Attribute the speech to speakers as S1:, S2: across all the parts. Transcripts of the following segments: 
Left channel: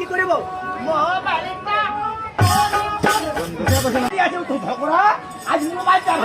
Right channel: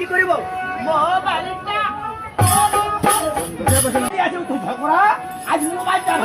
S1: কি তো ঝগড়া আজ মোবাইল চার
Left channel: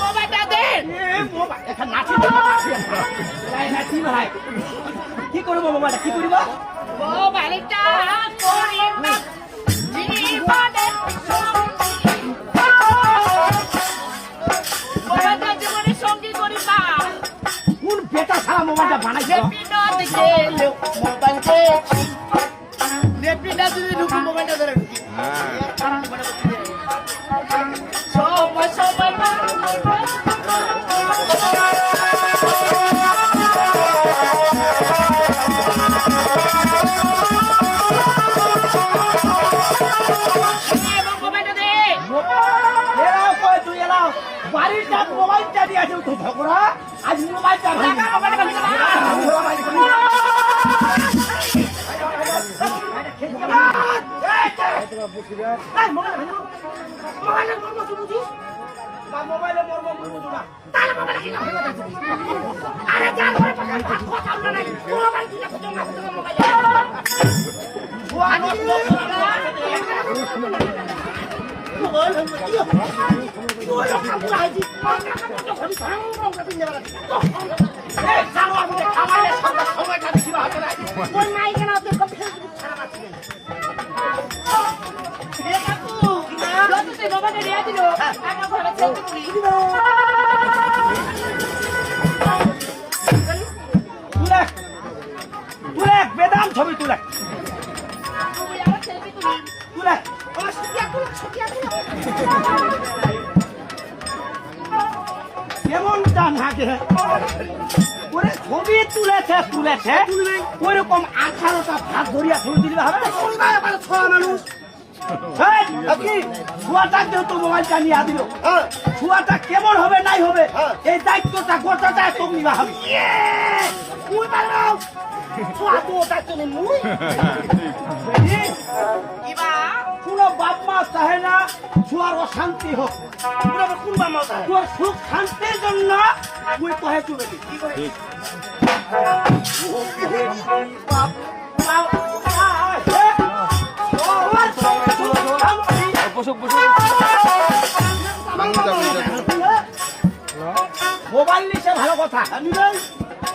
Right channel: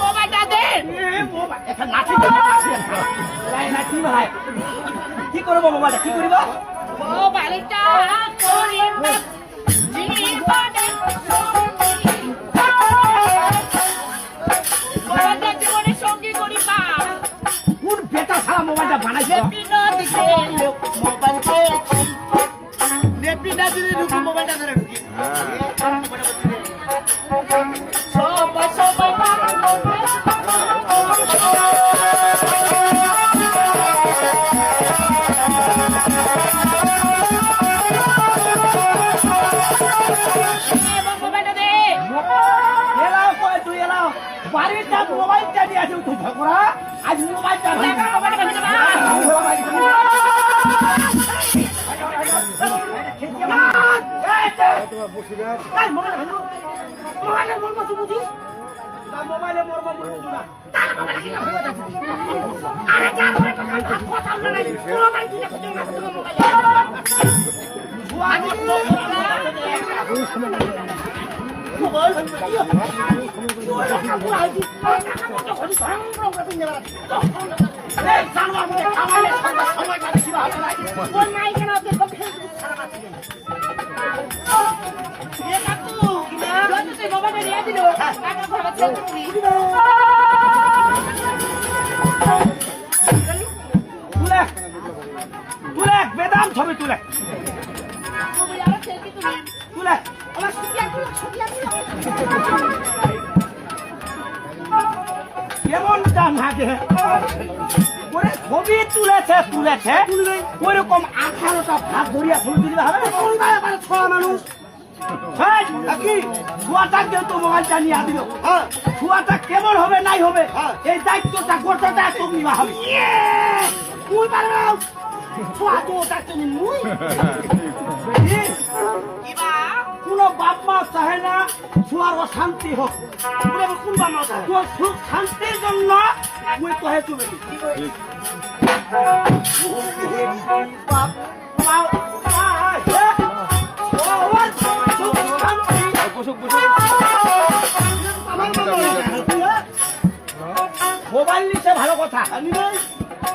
S2: মোবাইলটা দে
S1: এ মোবাইল এখন নাচি নাচি ভাই কি করব মোবাইলটা কি করব
S2: মোবাইলটা করে জীবনে Let me
S1: not do the mobile. বাড়ির যা মোবাইলটা দিয়ে আছে তো ঝগড়া। আজ মোবাইল। মোবাইলে বুঝব না।
S2: তুলে
S1: তুলে বেদাম ছবি তুলে
S2: আরও সেলফি তুলি
S1: তুলে
S2: আমার
S1: ওরে ছবি তুলেছে তুলেছে। ওইরকম আঠারোটা ভাত ধরিয়া ছবি তুলবে হবে? ছয় মানুষ হেই, কি ছুয়াটা কেমন হবে নাই হবে এই দায়িত্বটা গোটাটা তুমি হবে।
S2: কিবা
S1: কোনো বাপ মা চাহে না ছুয়ার অশান্তি হোক। তোর সুখ শান্তির জন্য মুই কহে তুমি তোর মোবাইল নিচ্ছে ভালো কথা।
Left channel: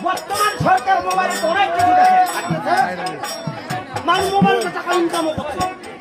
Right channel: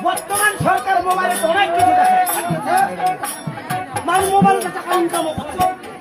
S1: বর্তমান সরকার মোবাইলে অনেক কিছু মোবাইল করছে।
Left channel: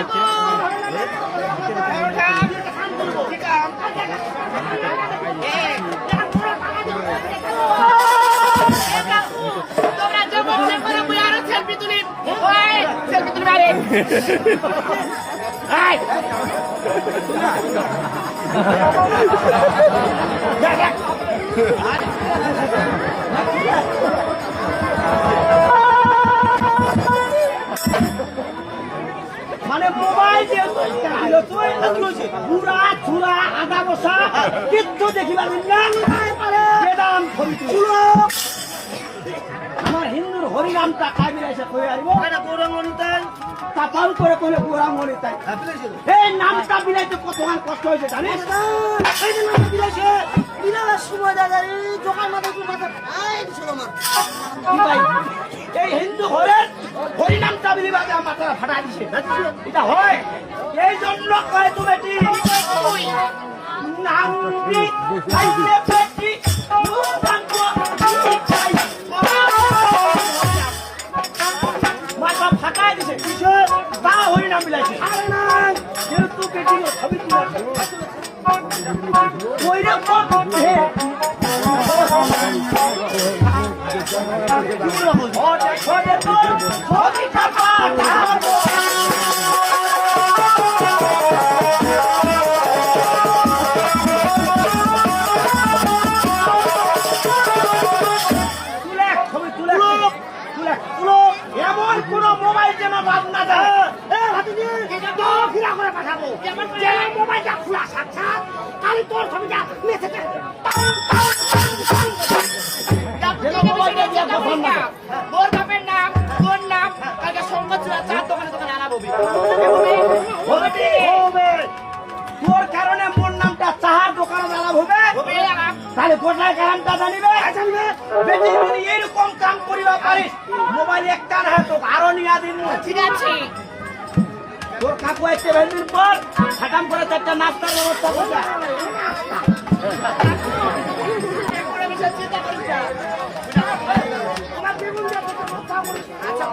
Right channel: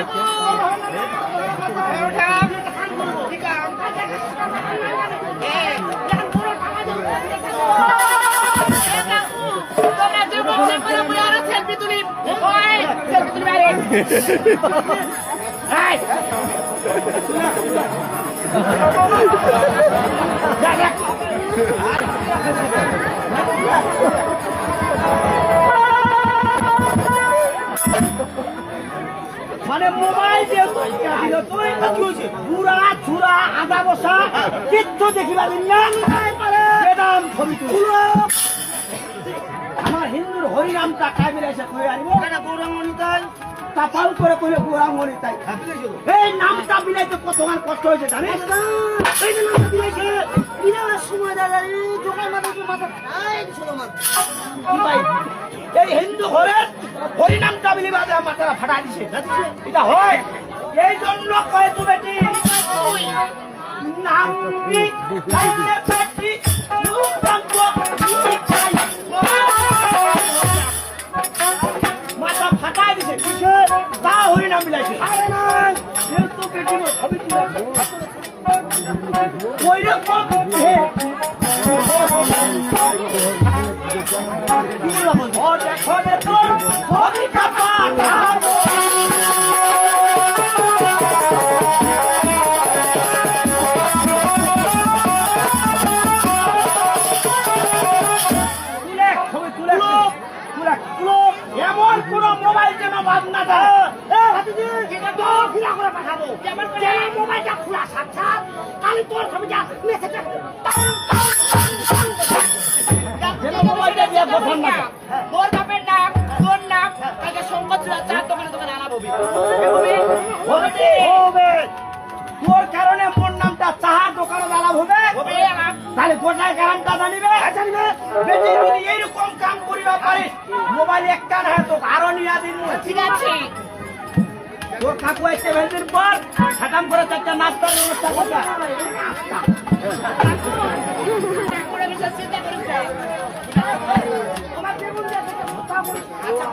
S2: ঠিক
S1: কিচ্ছু দেখি পারবেন না বেদাম তুলো আমার হিন্দুর হরিনামটা কই আইব গৌরাঙ্গনি তাই তাপাল করে কইলে গৌরাঙ্গনি তাই। এই নামটা বিলাইতে কতক্ষণ কষ্ট হয়েছে জানিস? এই যে নামটা বিলাইছে। বিনা সময় দাদা, এই মাথা কি মাথা খাই দিছিল আমার। এই হিন্দু ঘরের হরিনামটা বিলি বাজে মাথাটা ফাটা দিছে। এটা হয়। এই জন্য কয় তুমি মাথা ফাটাই দিছে কিছু তা হরিনাম বিলাইছে আরে না যেহেতু বেটি ছবি তুলে ওই রকম হে ও দেখো বাদ না যায় এ হাতিজি তোর ফিরা করে পাঠাবো। মোবাইলটা খোলা সাক্ষাৎ কালি তোর ছবিটা কোথায় কারণটা জানিবে জানিবে বেটি যদি এইরকম কাম করিবা পারিস মোবাইল একটা না তো আরও নিয়া দিন।
S2: ঠিক আছে।
S1: তোর কাকু এসে ভেন্ডুর পর খাটাম করে চারটা নাস্তার ব্যবস্থা করবে নাস্তা তোমার জীবন যাতে কথা বলিস আচ্ছা।